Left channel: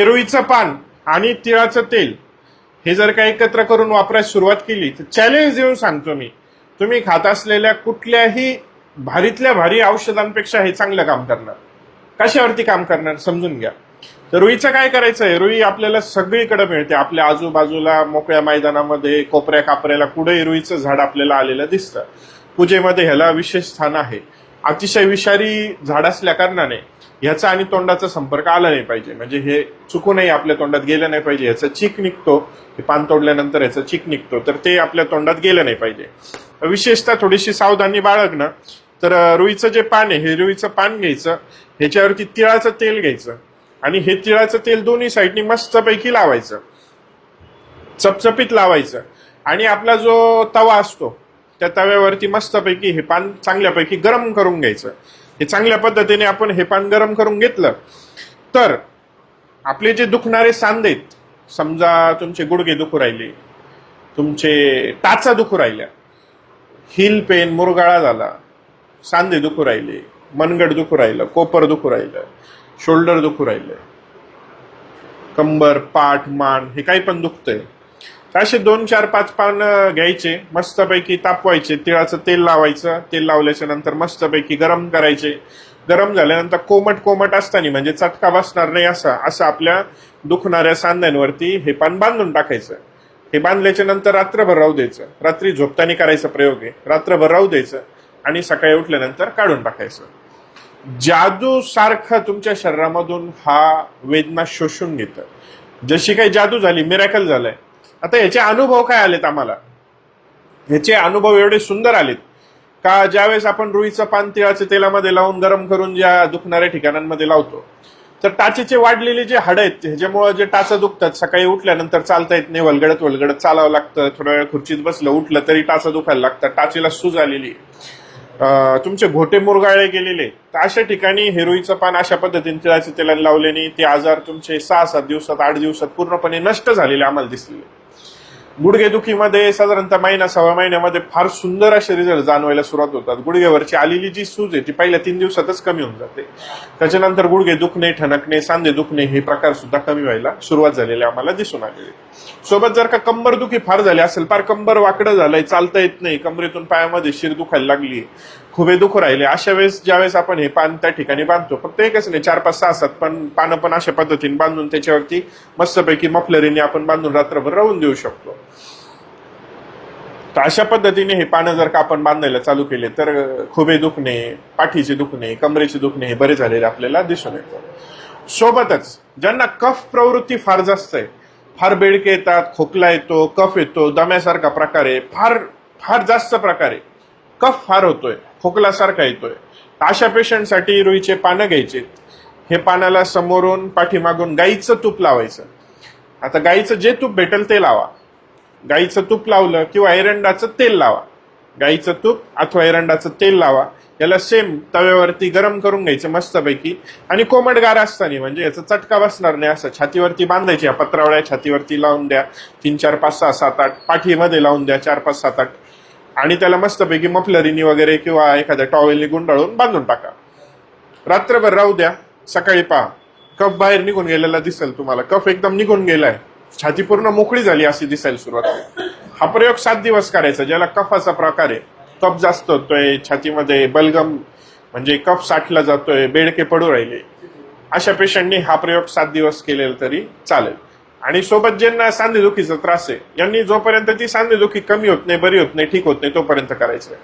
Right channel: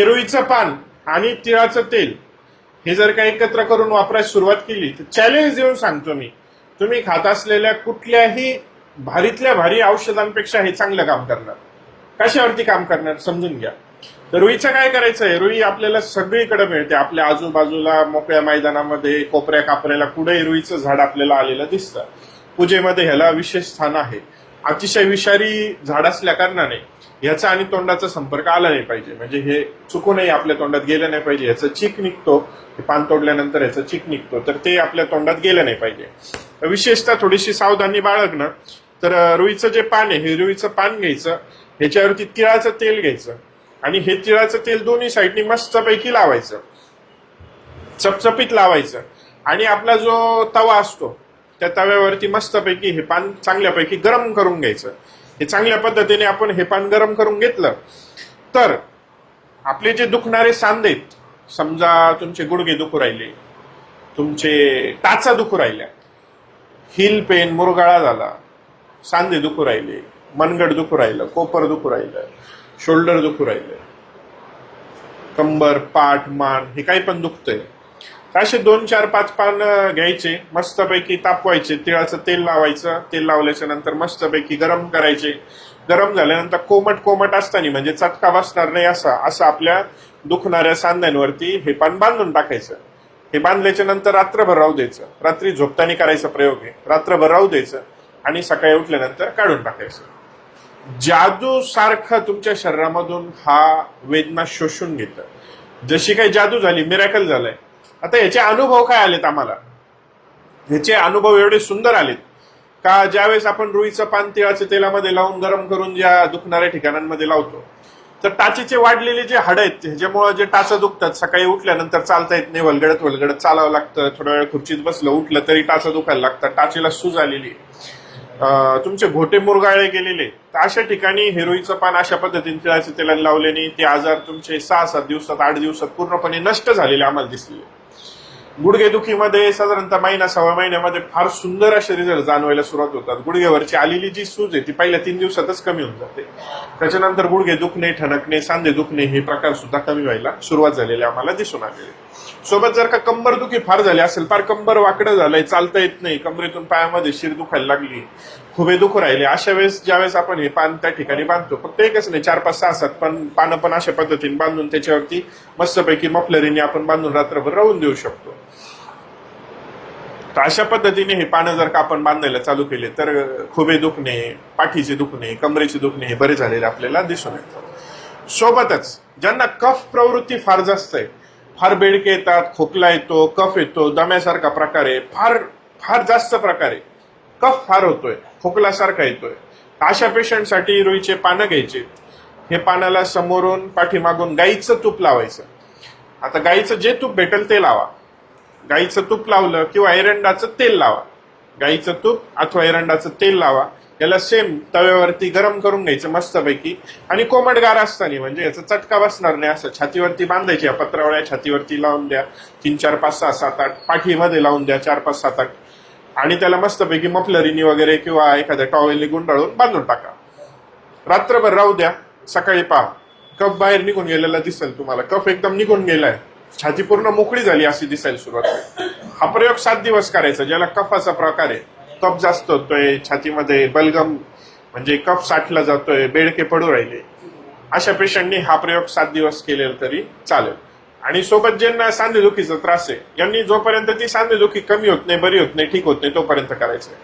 रुईचं पान आणि तिळाचं तेल हे जर का एकत्र करून वापरायला सुरुवात केली तर चॅलेंज देऊन सांगतो मी तुम्ही खात असलेल्या कुठल्याही भारीतल्या भारी औषधांपेक्षा हे चांगलं काम करणार कशावरती काम करणार समजून घ्या तर रुईचं काय करायचं आहे रुई आपल्याला सगळीकडे मिळते आपल्या आजूबाजूला मोकळ्या मैदानामध्ये कोपऱ्या कापऱ्याला कुठे रुईचं झाड आपल्याला आलेलं दिसतं पूजेमध्ये ह्याला विशेष स्थान आहे अतिशय विषारी झाड असल्या कारणाने ह्याचा आणि तोंडाचा संपर्क आला नाही पाहिजे म्हणजे हे चुकूनही आपल्या तोंडात गेलं नाही पाहिजे ह्याचा चीक निघतो पान तोडल्यानंतर ह्याचा चीक निघतो तर ते आपल्या तोंडात गेलं नाही पाहिजे विशेषतः थोडीशी सावधानी बाळगणं तर रुईचं जे पान आहे हे रुईचं पान घ्यायचं ह्याच्यावरती तिळाचं तेल घ्यायचं आणि हे तिळाचं तेल दोन्ही साईडनी मस्तपैकी लावायचं चपचपीत लावायचं आणि आपला जो तवा असतो त्या तव्यावरती मस्तपैकी हे पान चांगल्यापैकी गरम करून घ्यायचं हे चांगल्या पद्धतीने आपण हे पान गरम करून घेतलं तर आपले जे दुखणारे सांधेत समजा तुमचे गुडघे दुखू राहिले तुमचे टाचा दुखू राहिल्या हिल पेन मुरगाळा झाला सांधे दुखू राहिले मनगड दुखू राहिलं कोपर दुखू राहिलं शोल्डर दुखू राहिलं कंबर पाठ मान हे काही पण दुखतंय असे दोन चार पाच पान घ्यायचे मस्तपैकी तापवायचे तिळाचं तेल लावायचं तेल लावल्याच्या नंतर मस्तपैकी गरम करायचे गरम झाल्यानंतर कोमट कोमट असताना म्हणजे चटका बसणार नाही असा असं आपल्या दुखणाऱ्या सांध्यांवरती हे पान बांधून टाकायचं हे बांधल्याच्या नंतर रात्रभर राहू द्यायचं रात्री झोपताना करायचा प्रयोग आहे रात्रभर राहू द्यायचं आणि सकाळी उठल्यानंतर काढून टाकायचं जादू सारखं तुमच्या शरीरामधून हा वेदना शोषून घेतं जशी काही जादू झाली मिरॅकल झालंय आता याचे अनुभव काय आलेत आम्हाला ह्याचे अनुभव एवढे सुंदर आलेत का ज्यावेळेस आपण रुईचं पान तिळाच्या तेलामध्ये लावून गरम करून या दुखणाऱ्या ठिकाणांमध्ये लावतो तर टाचीचे वाढलेले जे हाड आहेत ह्याच्यामुळे जे टाचं दुखतात सकाळी उठल्यानंतर चालता येत नाही वलगडत वलगडत चालावं लागतं थोड्या वेळ खुर्चीत बसलं उठलं तरी टाचं दुखायला लागतात टाचेला सूज आलेली तुमचे घोटे मुरगाळे गेलेले तर अशा ठिकाणी रुईचं पान अशा पद्धतीने तिळाचं तेलाने लावल्याने ते आजार तुमचे सहा सात दिवसात आठ दिवसात पूर्णपणे नष्ट झालेले आम्हाला दिसले गुडघेदुखीमध्ये साधारणतः महिना सव्वा महिन्यामध्ये फार सुंदर असे रिझल्ट जाणवायला सुरुवात होतात गुडघ्यावरची आलेली जी सूज आहे ती पहिल्या तीन दिवसातच कमी होऊन जाते त्याच्यानंतर गुडघे दुखणे ठणकणे सांधे दुखणे हे प्रकार सुद्धा कमी व्हायला सुरुवात झालेली आम्हाला दिसून आले सोबत जर का कंबर दुखी फार झाली असेल फार कंबर वाकडं झालंय चालता येत नाही कमरेतून पायामध्ये शिर दुखायला लागली खुबे दुख राहिले अशा वेळेस ज्या वेळेस आपण हे पान त्या ठिकाणी बांधतो फक्त एकच नाही चार पाच सहा सात पण पानं पण अशा पद्धतीने बांधून त्याच्यावरती मस्तपैकी मफलरीने आपण बांधून रात्रभर राहून देऊ शकतो तर अशा पद्धतीने हे पानं जर का आपण बांधायला चालू केले तर खुबे दुखणे पाठीचे दुखणे कमरेचे दुखणे हे बरे झालेले आपल्याला दिसून येतं सोबतच ज्यांना कफ प्रवृत्ती फार जास्त आहे फार बेडके येतात खोकला येतो कफ येतो दम्यासारखा प्रकार फार फार जास्त प्रकारे कफ फार होतोय खोकल्यासारखा येतोय अशा पेशंटसाठी रुईचे पानं घ्यायचे हे पानाला समोरून पाठीमागून गाईचं तूप लावायचं आता गाईचं जे तूप भेटेल ते लावा गाईचं तूप लावलं किंवा ऐरंडाचं तेल लावा गाईचं तूप अथवा ऐरंडाचं तेल लावा याला सेम तव्यावरती गरम करून घ्यायचं मस्तपैकी आणि कोमटगार असताना म्हणजे याचा चटका बसणार नाही असं छातीवरती बांधायची या पत्रावळ्या छातीवरती लावून द्या तीन चार पाच सहा सात आठ पाठीमध्ये लावून द्या चार पाच सात आठ आणि त्याला मस्तपैकी मफलरीनी वगैरे किंवा एखाद्या टॉवेलनी गुंडाळून बांधून टाका रात्रभर राहू द्या सकाळी पहा कफ बाहेर निघून गेलेला दिसेल तुम्हाला कफ एकदम निघून गेलाय छाती पूर्ण मोकळी झाली अशी दिसायला सुरुवात हा प्रयोग सात दिवस करायचा ज्याला कफाचा प्रकार आहे कफ जास्त होतोय छातीमध्ये बलगम म्हणजे कफ साठला जातोय बेडके पडू राहिले अशा पेशंटनी हा प्रयोग सात दिवस केलेला तरी चालेल आणि सोबत ज्यांना सांधेदुखीचा त्रास आहे यांनी जोपर्यंत ती सांधेदुखी कमी होत नाही बरी होत नाही ठीक होत नाही तोपर्यंत करायचं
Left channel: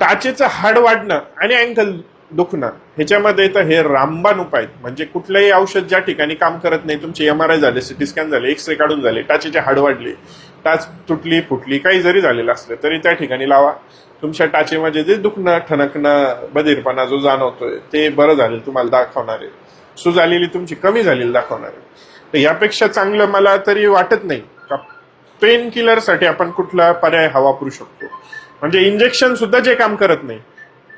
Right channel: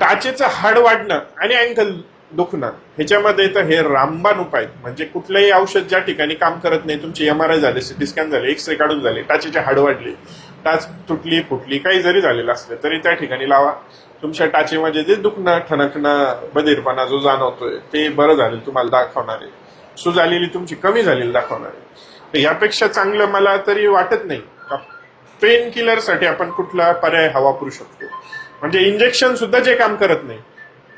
टाचेचं हाड वाढणं आणि अँकल दुखणं ह्याच्यामध्ये तर हे रामबाण उपाय म्हणजे कुठलंही औषध ज्या ठिकाणी काम करत नाही तुमची एम आर आय झाले सिटी स्कॅन झाले रे काढून झाले टाचेच्या हाड वाढले टाच तुटली फुटली काही जरी झालेलं असलं तरी त्या ठिकाणी लावा तुमच्या टाचेमध्ये जे दुखणं ठणकणं बधीरपणा जो जाणवतोय ते बरं झाले तुम्हाला दाखवणारे सु झालेली तुमची कमी झालेली दाखवणारे तर यापेक्षा चांगलं मला तरी वाटत नाही का पेन किलरसाठी आपण कुठला पर्याय हवा शकतो म्हणजे इंजेक्शन सुद्धा जे काम करत नाही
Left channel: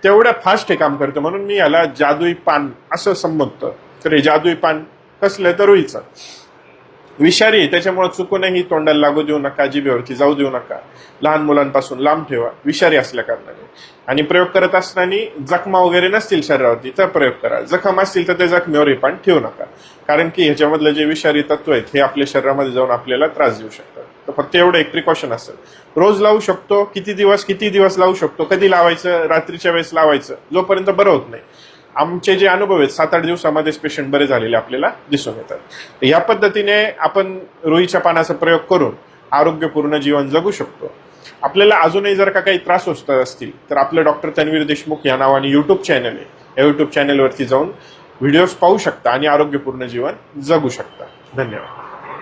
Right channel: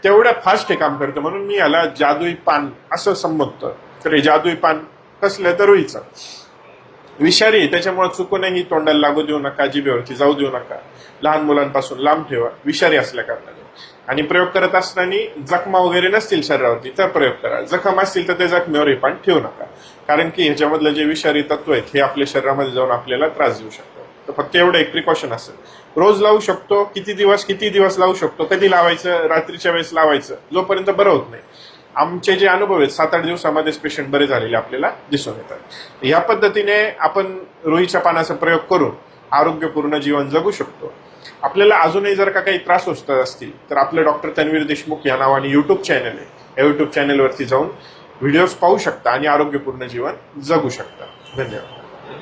तेवढ्या फास्ट हे काम करतं म्हणून मी याला जादुई पान असं संबोधतो तर जादुई पान कसलं तर रुईचं विषारी त्याच्यामुळे चुकूनही तोंडाला लागू देऊ नका जिभेवरती जाऊ देऊ नका लहान मुलांपासून लांब ठेवा विषारी असल्या कारणाने आणि प्रयोग करत असताना जखमा वगैरे नसतील शरीरावरती तर प्रयोग करा जखम असतील तर त्या जखमेवर हे पान ठेवू नका कारण की ह्याच्यामधले जे विषारी तत्व आहेत हे आपल्या शरीरामध्ये जाऊन आपल्याला त्रास देऊ शकतात तर फक्त एवढं एक प्रिकॉशन असेल रोज लावू शकतो किती दिवस किती दिवस लावू शकतो कधी लावायचं रात्रीच्या वेळेस लावायचं जोपर्यंत बरं होत नाही आमचे जे अनुभव आहेत सात आठ दिवसामध्येच पेशंट बरे झालेले आपल्याला दिसून येतात या पद्धतीने आपण रुईच्या पाण्याचा प्रयोग करून आरोग्यपूर्ण जीवन जगू शकतो आपल्याला अजूनही जर का काही त्रास होत असतील तर आपलं डॉक्टर तन्वीर देशमुख या नावाने युट्यूब चॅनल आहे या युट्यूब चॅनलवरती जाऊन व्हिडिओज पाहू शकता आणि आरोग्यपूर्ण जीवन जगू शकता धन्यवाद